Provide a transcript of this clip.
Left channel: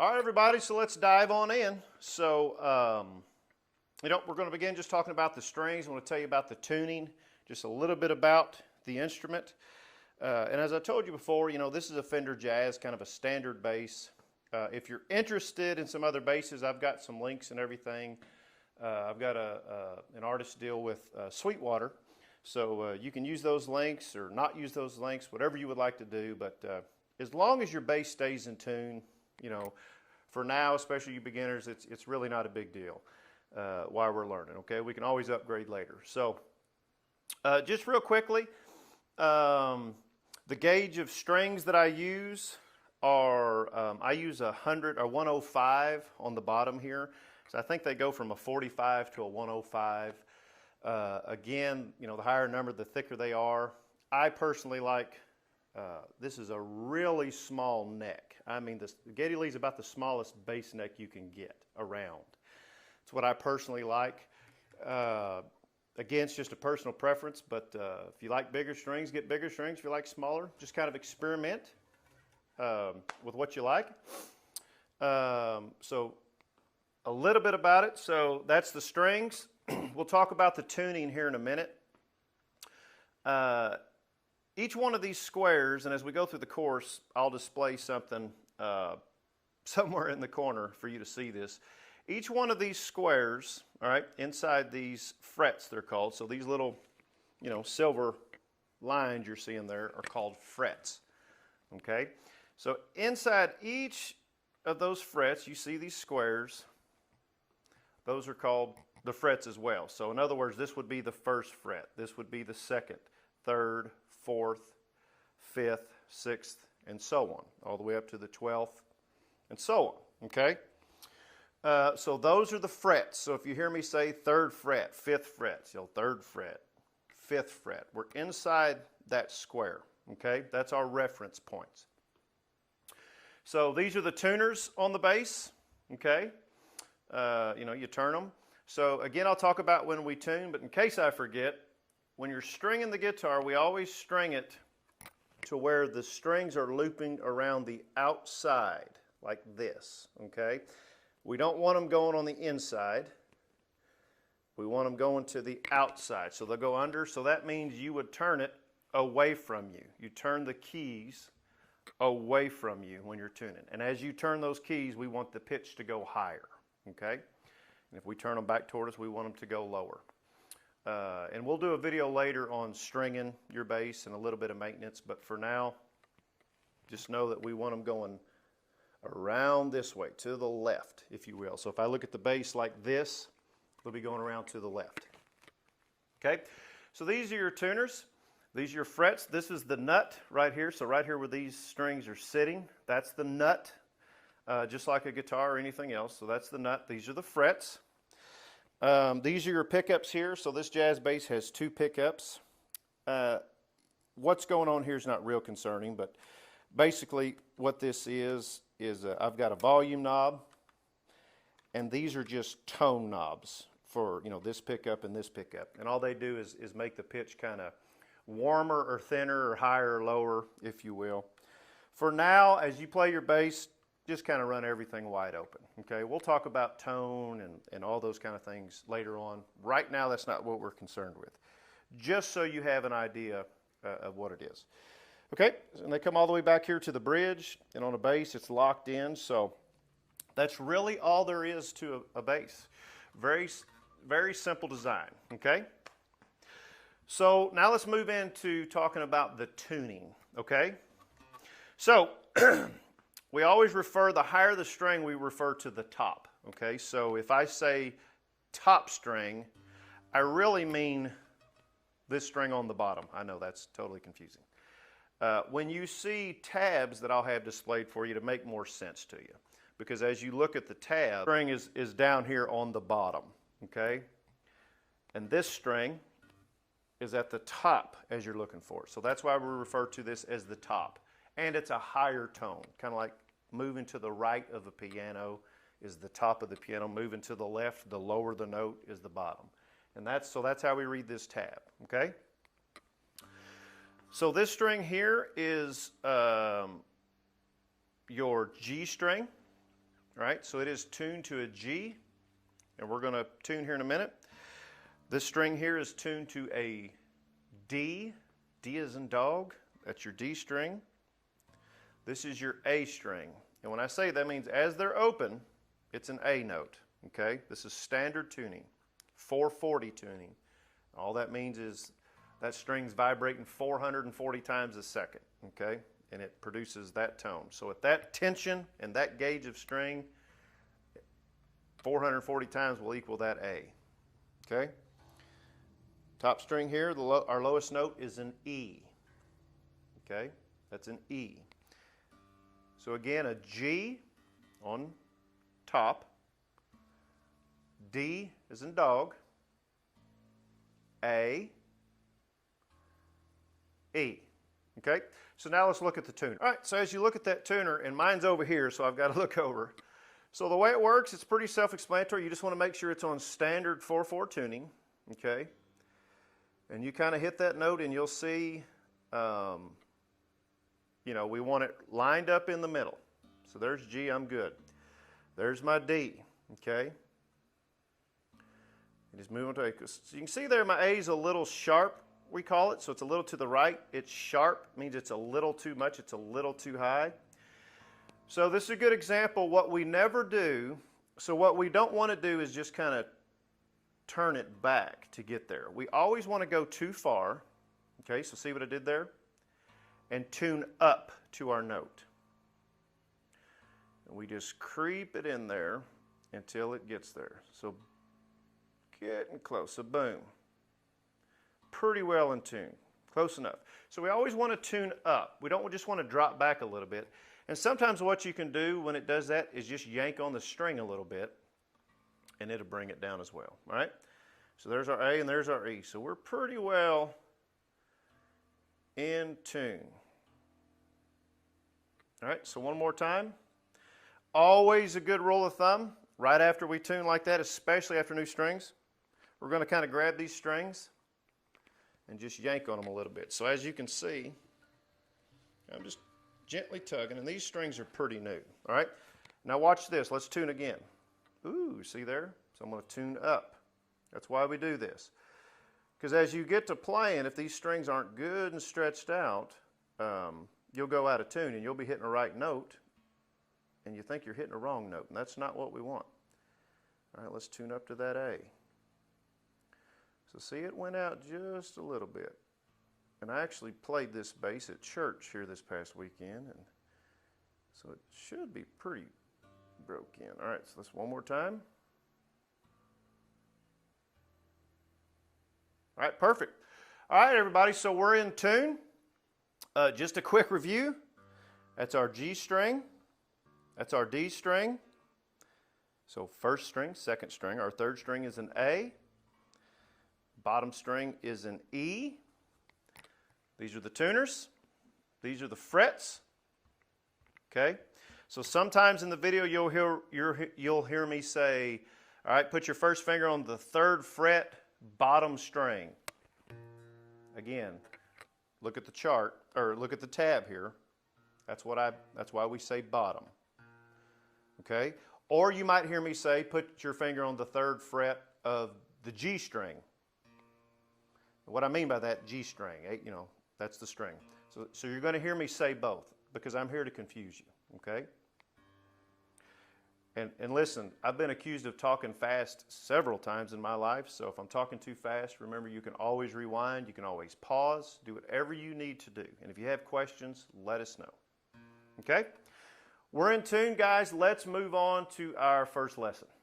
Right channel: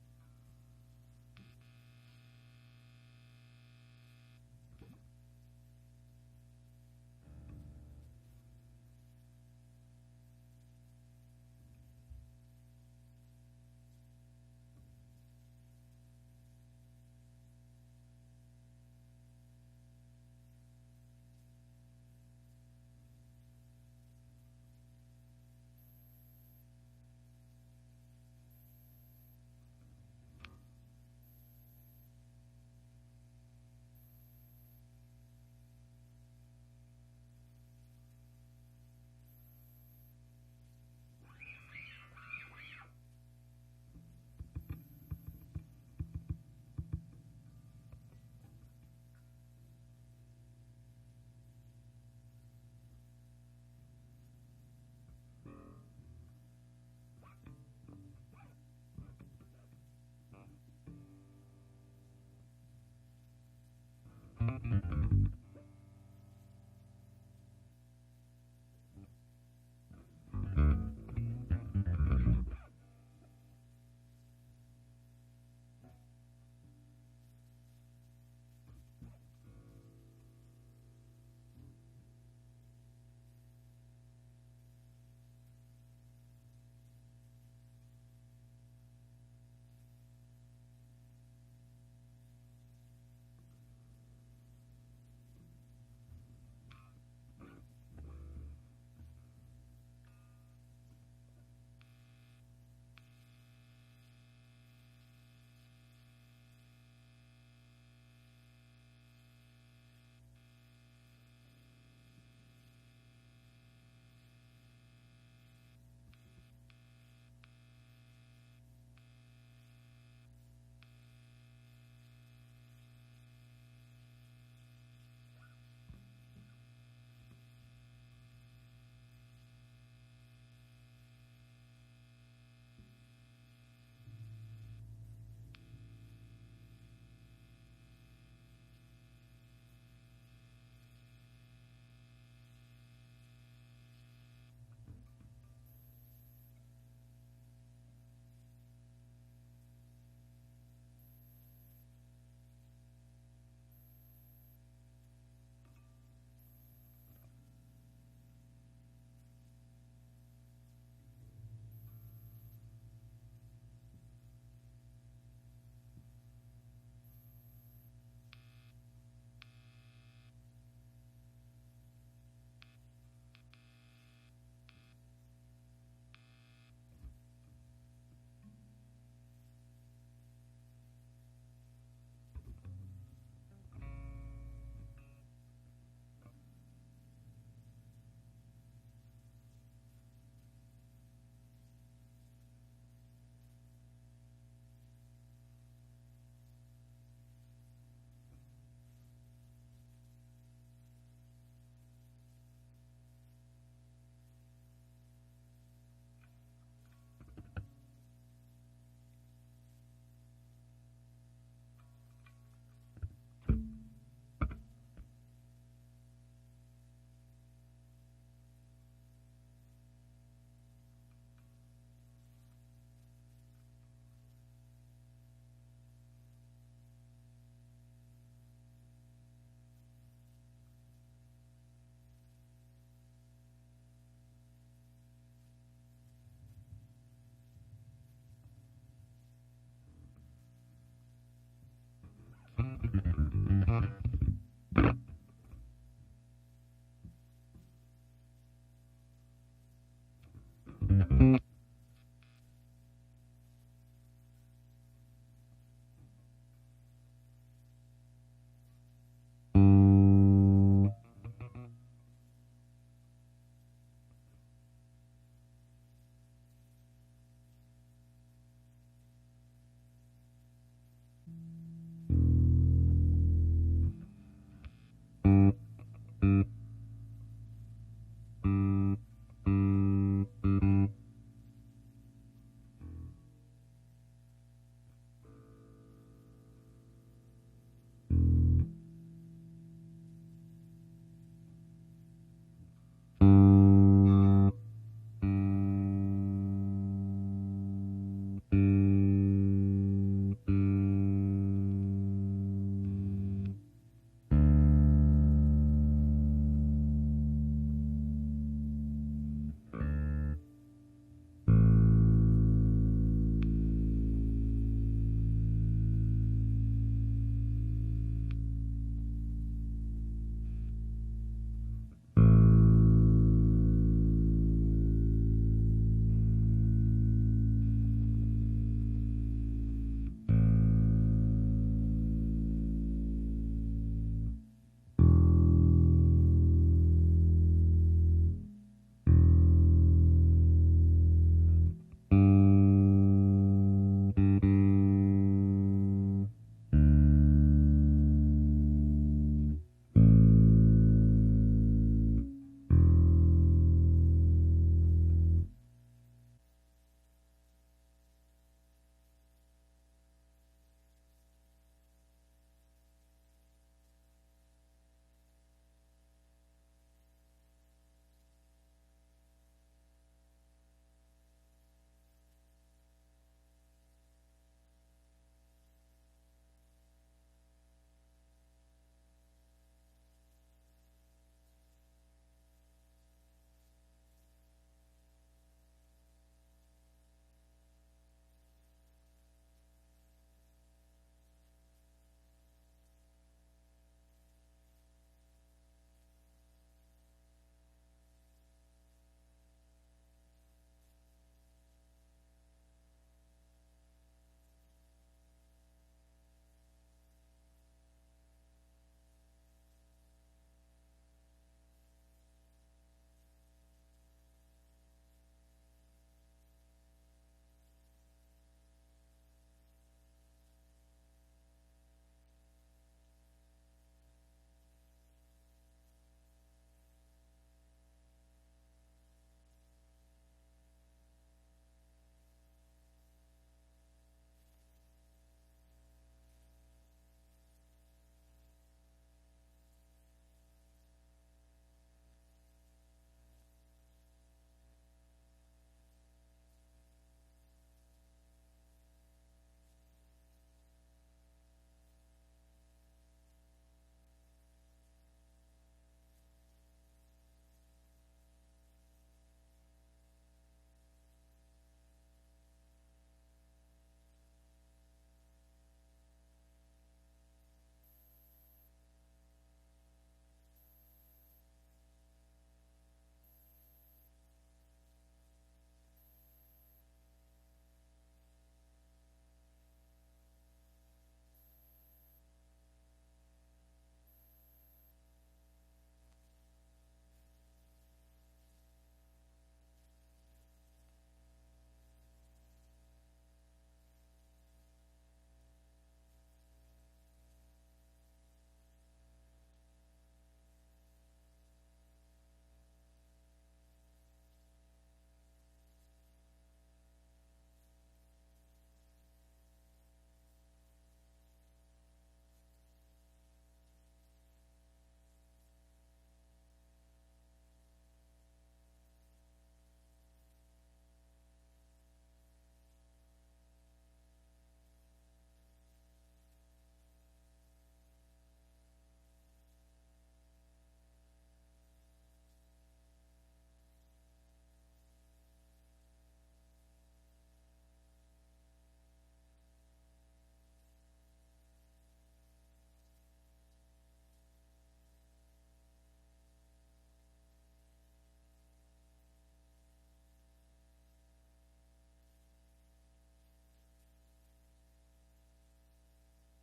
All right, everybody, so let's dive on in. So, we're going to begin just talking about the strings. I want to tell you about the tuning, just a little bit about the instrument. And as I told you before, this is a Fender Jazz, kind of a standard bass. If you're interested in some other basses, I've got some links and everything. I've got an artist deal with Sweetwater, so you can use those links or not use those links, whatever you would like to do. But as long as your bass stays in tune, for now, especially you beginners, it's really not a big deal while we're learning. Okay, we can always upgrade later. So just real quickly, the gauge of strings that I use are I use 100 or 105 on the bottom here. So I think they go from a 45 to a 105. Again, the higher number, the thicker they are. I personally like, this is a really small neck. I mean, the Geddy Lee is about the smallest bass neck you can get around. It's what I personally like. Again, it's just a personal preference, but if you like bigger strings, get bigger strings. If you like smaller, just kind of experiment with what you like. So a little bit about it. So that's the strings. We'll talk about the tuning here in a minute. Each one of these squares, and as we go through the course, I'll display something somewhere in the corner for you to see this. Each one of these squares, all right, inside these frets, they're called. So these little, silver lines you're seeing there are called frets. Okay? So inside each of those frets, you see these squares. Those are called the frets as well. So in other words, this would be the first fret. This would be the second, third, fourth, fifth, sixth, and so on, all the way up to the 12th, and so on. Okay? So those are the frets. So if you hear me say third fret, fifth fret, third fret, fifth fret, we're inside that square. Okay? That's our reference points. So these are the tuners on the bass. Okay? You turn them. So again, I'll talk about when we tune, but in case I forget, when you're stringing the guitar, we always string it to where the strings are looping around the outside, like this, okay? We don't want them going on the inside. We want them going to the outside. So they'll go under, so that means you would turn it away from you. You turn the keys away from you when you're tuning. And as you turn those keys, we want the pitch to go higher, okay? And if we turn them back toward us, we want them to go lower. And we'll do a video later on stringing your bass and a little bit of maintenance, but for now, just know that we want them going around this way, to the left, if you will. So if I look at the bass like this, we'll be going around to the left. Okay? So these are your tuners. These are your frets. This is the nut right here. So right here where these strings are sitting, that's the nut, just like a guitar or anything else. So that's the nut. These are the frets. These are your pickups here. So this jazz bass has two pickups. What's going on here is not real concerning, but basically what this is I've got a volume knob, and these are just tone knobs for this pickup and this pickup. And all they do is make the pitch kind of warmer or thinner or higher or lower, if you will. For now, as you play your bass, just kind of run everything wide open. Okay, we'll talk about tone and all those kind of things later on. Right now, that's not what we're concerned with. Just so you have an idea of what it is. Okay, and they come all the way back here to the bridge, and on a bass, it's locked in. So that's really all there is to a bass. Very, very simple design. Okay. So now let's move into talking about the tuning. Okay. So we always refer, the higher the string, we refer to the top, okay? So if I say top string, I really mean this string on the bottom. I know that's totally confusing. When you see tabs that I'll have displayed for you to make more sense to you, because as you look at the tab, the string is down here on the bottom, okay? And this string is at the top as you're looking for. So that's why we refer to this as the top. And it's a higher tone, kind of like moving to the right of a piano is the top of the piano. Moving to the left, the lower the note is the bottom. And that's how we read this tab, okay? So this string here is your G string. All right, so it is tuned to a G, and we're going to tune here in a minute. This string here is tuned to a D. D as in dog. That's your D string. This is your A string. And when I say that means as they're open, it's an A note. Okay? This is standard tuning, 440 tuning. All that means is that string's vibrating 440 times a second. Okay? And it produces that tone. So at that tension and that gauge of string, 440 times will equal that A. Okay? Top string here, our lowest note is an E. Okay? That's an E. So again, a G on top. D is in dog. A. E. Okay? So now let's look at the tuner. All right, so as you look at that tuner, and mine's over here, so I've got to look over. So the way it works, it's pretty self-explanatory. You just want to make sure it's on standard 4/4 tuning. Okay? And you kind of hit that note and you'll see, you know, we want it lined up in the middle. So there's G, I'm good. There's my D, okay? And just move on to A. So you can see there my A is a little sharp, we call it. So it's a little to the right. It's sharp, means it's a little too much, it's a little too high. So this is a good example. What we never do, so what we don't want to do is just kind of turn it back to get there. We always want to go too far. Okay, so see what I did there? And tune up to our note. And we just creep it in there until it gets there. So getting close. So boom. Pretty well in tune. Close enough. So we always want to tune up. We don't just want to drop back a little bit. And sometimes what you can do when it does that is just yank on the string a little bit, and it'll bring it down as well. All right? So there's our A and there's our E. So we're pretty well in tune. All right, so one more time. Always a good rule of thumb, right after we tune like that, especially after new strings, we're going to kind of grab these strings and just yank on them a little bit. So as you can see, I'm just gently tugging, and these strings are pretty new. All right, now watch this. Let's tune again. Ooh, see there? So I'm going to tune up. That's why we do this. Because as you get to playing, if these strings aren't good and stretched out, you'll go out of tune and you'll be hitting the right note and you think you're hitting the wrong note, and that's not what we want. All right, let's tune up to that A. So see, it went out just a little bit. And I actually played this bass at church here this past weekend, and so it should be pretty broke in. All right, so let's one more time. All right, perfect. All right, everybody, so we're in tune. Just a quick review. That's our G string. That's our D string. So first string, second string. Our third string is an A. Bottom string is an E. These are the tuners. These are the frets. Okay? So sometimes in the video you'll hear me say, all right, put your first finger on the third fret, bottom string. Again, look at the chart, or look at the tab here. That's why we say bottom. Okay? Or you might hear me say, put your finger on the third fret of the G string. What I mean by that, G string, you know, that's the string. So you're going to hear me say both, because I'm here to confuse you. Okay? And listen, I've been accused of talking fast several times in my life, so if I'm talking too fast, remember you can always rewind, you can always pause, do whatever you need to do. And if you have questions, let us know. Okay? We're in tune, guys. Let's move on to our first lesson.